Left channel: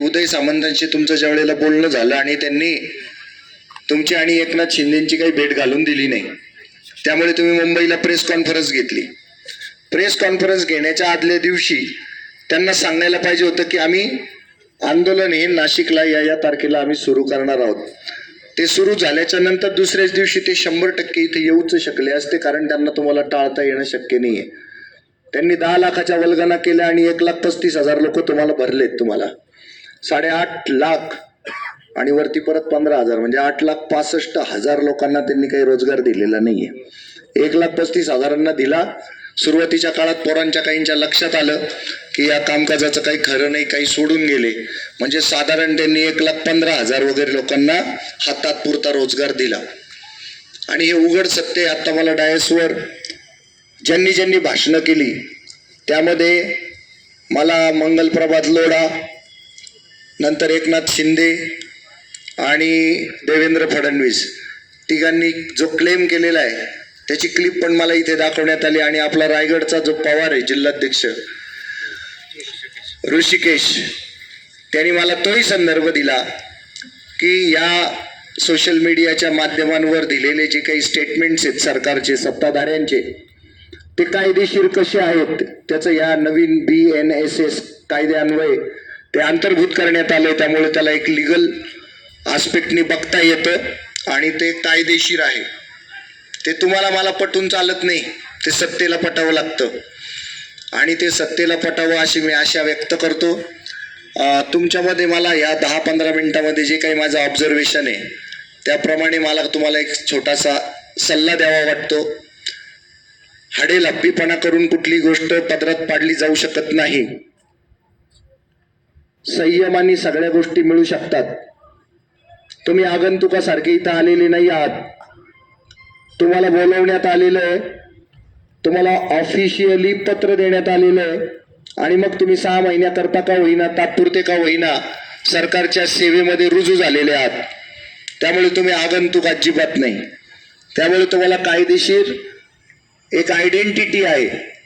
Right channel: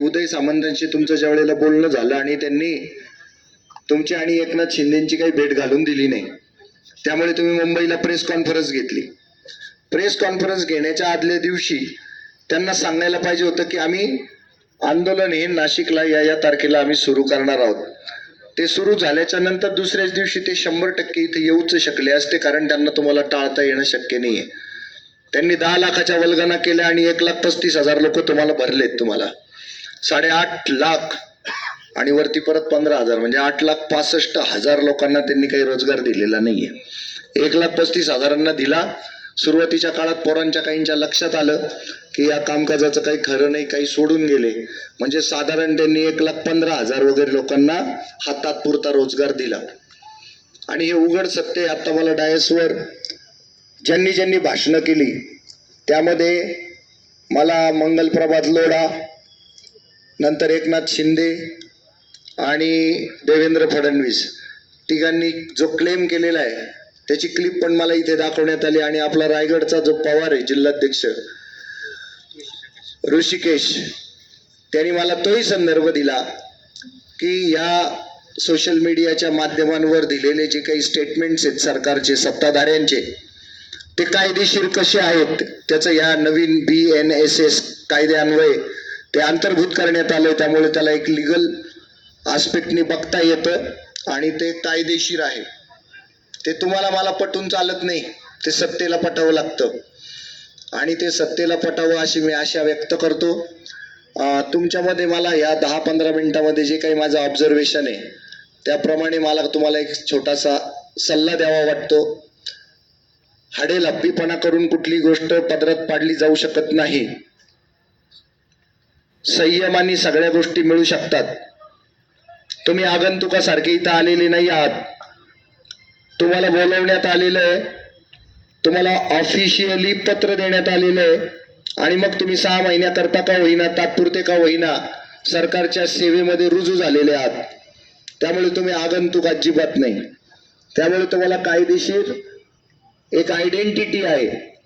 उदय सामंतांशी तुमचं ज्या वेळेला बोलणं झालं आणि त्यांनी तुमची आणि एकनाथ शिंदेची काही भेट घालून दिली नाही त्यामुळे तुम्ही मुंबईला प्रेस कॉन्फरन्स घेतली. प्रेस कॉन्फरन्स घेण्याच्या आदल्या दिवशी त्यांना सांगायला पाहिजे होतं की आम्ही आंदोलन हे नाशिकला या या तारखेला आम्ही सुरू करणार आहोत. ते सुरू झाल्याच्यानंतर दुसऱ्याच दिवशी ते शंभर टक्के इथे येऊच शकले असते कारण त्यांना तुम्हाला टाळता येणं शक्य नाहीये. त्यांनी दहा लाखाच्या वल्गना केल्या आणि एक लाख पस्तीस हजार लोक तुम्हाला भरलेत तुम्हाला. साडेआठ लाख आणि वरती परत पंधरा हजार म्हणजे आठ लाख पासष्ट हजार लोकांना त्यांनी काही रोजगार दिलेला नाहीये. एक लाख पस्तीस हजारांना दिला. सुरुवातीच्या काळात पोरांच्या काहींच्या लक्षात आलं की या कामकाजाचं काही खरं नाही काही सोडून गेले. म्हणजे साधारण त्यांनी एक लाख पंधरा हजार वगैरे लोकांना हातात पुरता रोजगार दिला. आणि हे उघड सत्य आत्ता मला डायसवर ज्यांनी ज्यांनी भाषणं केली त्यामध्ये मला मंगलप्रभात लोढा नंतर एकनाथ शिंदे आणि देवेंद्र फडणवीस तिघांनी जो क्लेम केलेला आहे त्याची क्लिप पण मला इथे दाखवण्यात आली आणि आपला रायगडचा जो पवार आहे जिल्हाध्यक्ष ऋषिकेश त्यांनी मला तोही संदर्भ दिला की या सोशल मीडियाच्या माध्यमांवर दिलेले जे काही स्टेटमेंट्स आहेत सरकारचे सत्ताधाऱ्यांचे ते कायदेशीर कसे आहेत त्याचं या नवीन बी एन एस एस कायद्यान्वये ते अंतर्भूत करण्यात आलं त्यामुळे त्याला एक लिगल आस्पेक्टने बघता येतं आणि ते कायदेशीर आहे. ते तुम्हाला मला पटून चालत नाही ते सत्तेला पटावं लागतं. आणि ते सत्तेला पटावं अशी मी आशा व्यक्त करतो. तुमच्यामध्ये मला या दहा पंधरा मिनटामध्ये जे काही माझं ऑब्झर्वेशन आहे त्याप्रमाणे मला तुम्हाला एक छोटासा सल्ला द्यावा वाटतो. हाडे लप्पीपणा करून कुठली गोष्ट पदरात पाडली जाऊ शकत नाही. संयमाने सगळ्या गोष्टी मिळू शकतात. तुम्ही आगंतुकासारखे इथं आलेले नाही आहात. तुम्हाला बोलवण्यात आलेलं आहे. तुम्हाला ऑफिशियली पत्र देण्यात आलेलं आहे. आणि मग तुम्ही सहा महिन्याकरता का होईना तात्पुरते का होईना सरकारच्या सेवेमध्ये रुजू झालेले आहात. त्यामुळे तुम्ही आगंतुक अजिबात नाही. त्यामुळे तुम्हाला कायदेशीर एक आयडेंटिटी आहे.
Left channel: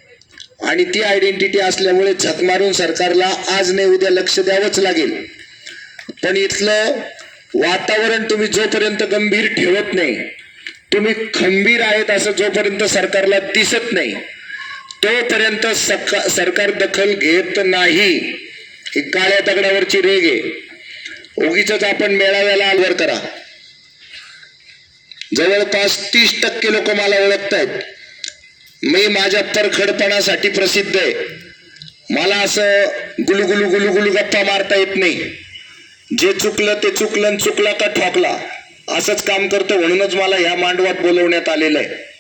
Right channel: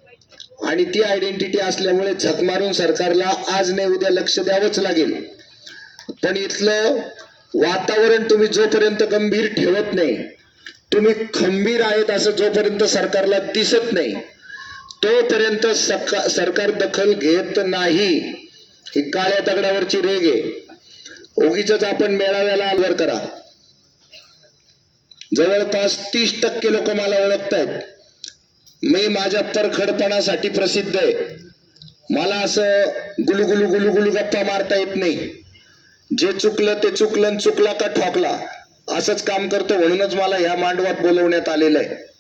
आणि ती आयडेंटिटी असल्यामुळे झक मारून सरकारला आज नाही उद्या लक्ष द्यावंच लागेल. पण इथलं वातावरण तुम्ही जोपर्यंत गंभीर ठेवत नाही तुम्ही खंबीर आहेत असं जोपर्यंत सरकारला दिसत नाही तोपर्यंत सका- सरकार दखल घेत नाही. ही काळ्या दगडावरची रेग आहे. उगीच आपण मेळाव्याला आलवर करा. जवळपास तीस टक्के लोक मला ओळखत आहेत मी माझ्या परखडपणासाठी प्रसिद्ध आहे. मला असं गुलुगुलू गुलुगुलू गप्पा मारता येत नाही. जे चुकलं ते चुकलं आणि चुकला का ठोकला असंच काम करतो म्हणूनच मला ह्या मांडवात बोलवण्यात आलेलं आहे.